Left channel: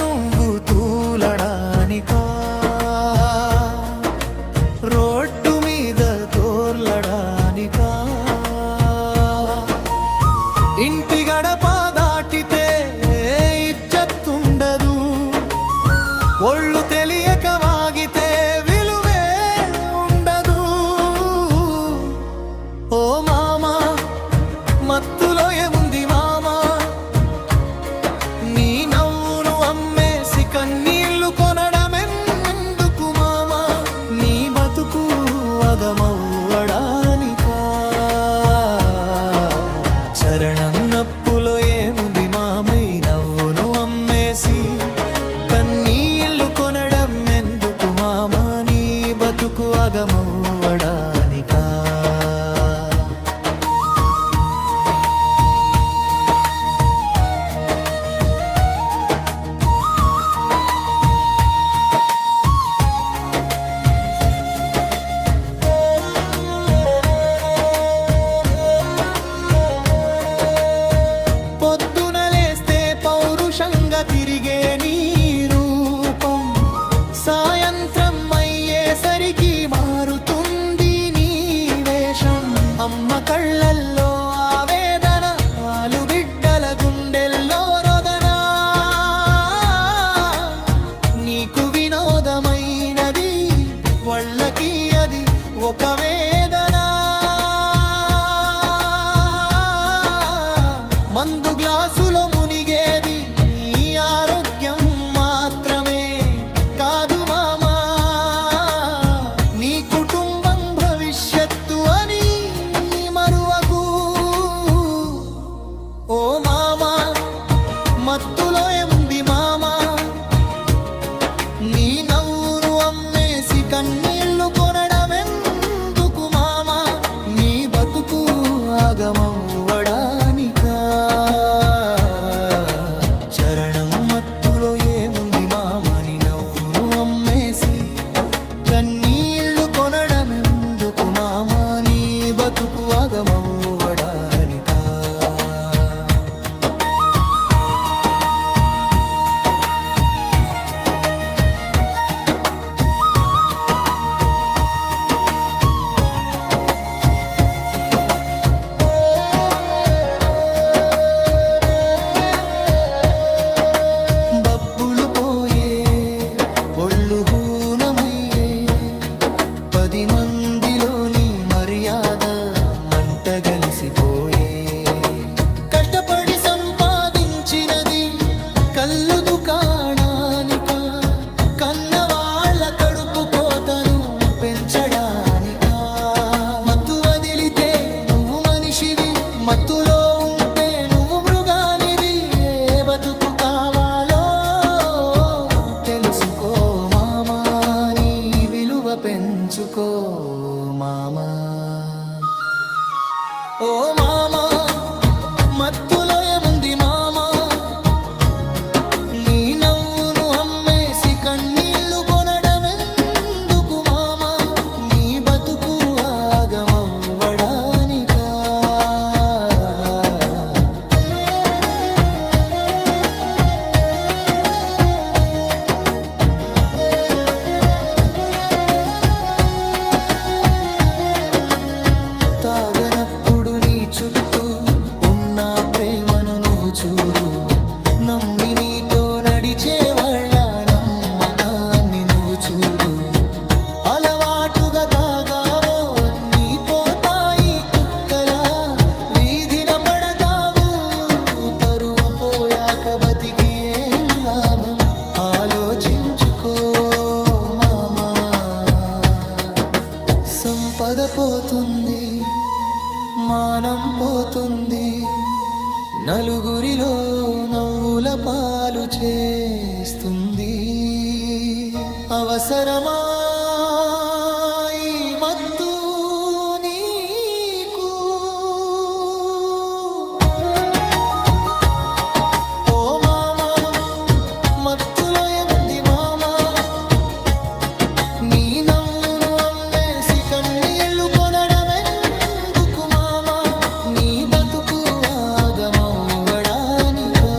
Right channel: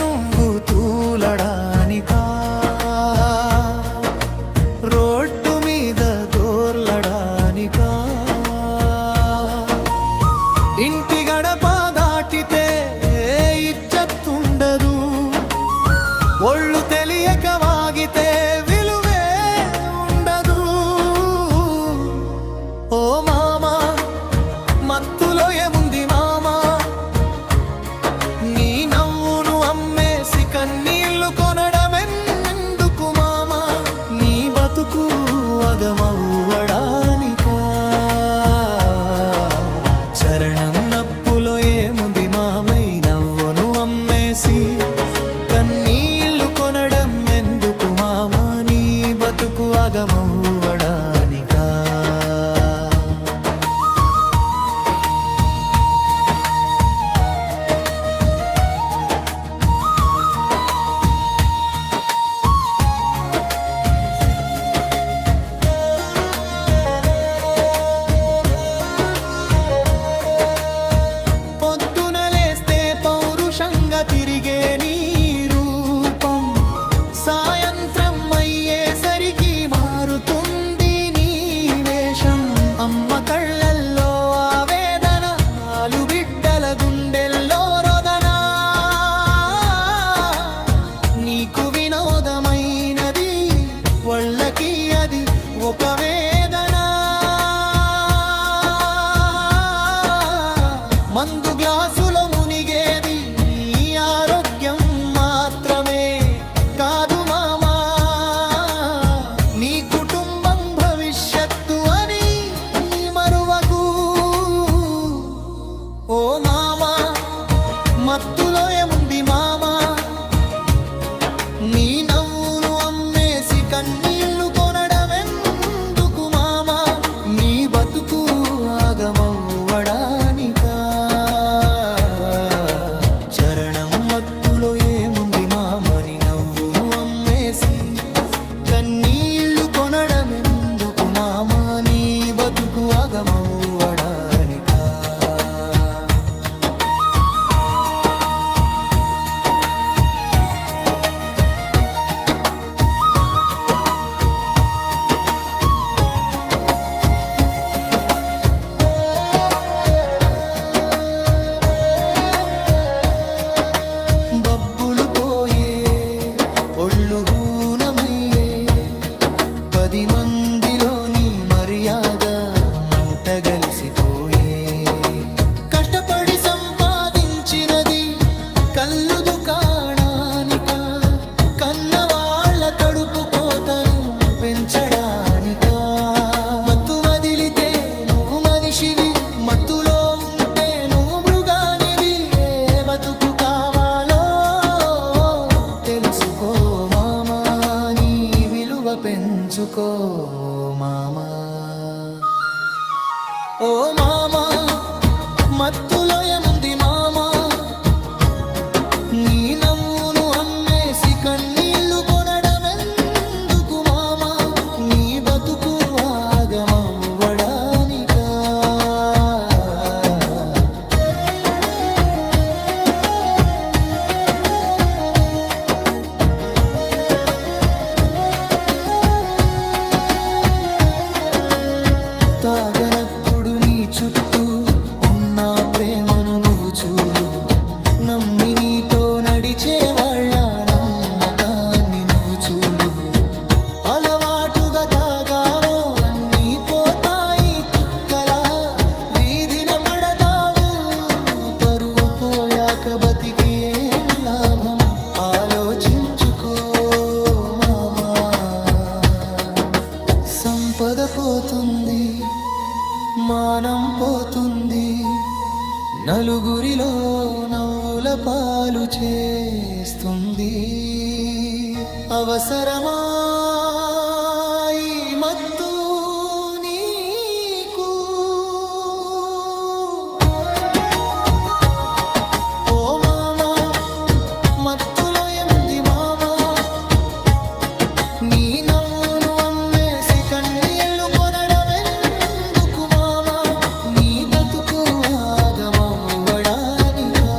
నువ్వు తూలడానికా, రోడ్డు మీద దోర్లడానికా? ఇంటి గడప దాటితే ఇజ్జత్తుండదు, ఒళ్ళు తెలియక వాగితే విలువే ఉండదు. ఓ మామా, మత్తులో ఏముంది మామా, నీ నవ్వును అమ్మేసి కన్నీళ్లు కొనడమెందుకు మామా? నీ బతుకు అగమవ్వడానికా? చరణం నప్పులో ఏముంది మామై, నవ్వును అమ్మేసి కన్నీళ్లు కొనడం ఎందుకు మామా? నీ బతుకు అగమవ్వడానికా? పౌరుషంగా తిరిగే నీ రూపం సాయంత్రం అయ్యేసరికి మారుతుంది నీ వేషం. అమ్మ కళ్ళల్లో ఆవేదన, ఆలు బిడ్డల గుండెల్లో రోదన. నీకు వినోదమైనది వాళ్ళకి అది ఒక వేదన. మందు గ్లాసులో మునిగేది నీ ఆరోగ్యం మాత్రమే కాదు మామా, నీ కుటుంబం భవిష్యత్తు అని మరువకు. ఓ మామా, మత్తులో ఏముంది మామా, నీ నవ్వును అమ్మేసి కన్నీళ్లు కొనడమెందుకు మామా? నీ బతుకు ఆగమవ్వడానికా? చరణం మత్తులో ఏముంది మామని, నవ్వును అమ్మేసి కన్నీళ్లు కొనడమెందుకు మామా? నీ బతుకు ఆగమవ్వడానికా? ఒళ్ళు హూనమయ్యే 10 మందిలోని మర్యాద మంటగలిసిపోయే. కష్టపడి సంపాదించినది కళ్ళు దుకాణానిక, కన్నవాళ్ల కడుపు కోతను పెంచడానికా? మత్తు వదిలితే నువ్వు మనిషివి, మత్తులో ఉంటే నువ్వు మృగానివి. ఏ బతుకు కావాలో తెలుసుకో మామా, నీ విలువ పెంచుకో మామా. ఓ మామా, మత్తులో ఏముంది మామా, నీ నవ్వును అమ్మేసి కన్నీళ్లు కొనడమెందుకు మామా? నీ బతుకు ఆగమవ్వడానికా? తాగనప్పుడు నీ చుట్టూ ఉన్న ప్రేమను నువ్వు చూడు, నమ్మి నీతో నడిచే వాళ్ళ నమ్మకాన్ని నువ్వు చూడు. అలవాటుగా తాగావో అన్నీ పోతాయి కుక్కలా, వీధిన పడతావు. పరువు పోయాక బతికి ఏం లాభం, ఆలోచించుకో మామా. సంపద పోతుంది, మానం పోతుంది, నలుగురిలో నవ్వుల పాలు చేస్తుంది. అవసరమా ఈ మత్తు నీకు? ఓ మామా, మత్తులో ఏముంది మామా, నీ నవ్వును అమ్మేసి కన్నీళ్లు కొనడమెందుకు మామా? నీ బతుకు ఆగమవ్వడానికా?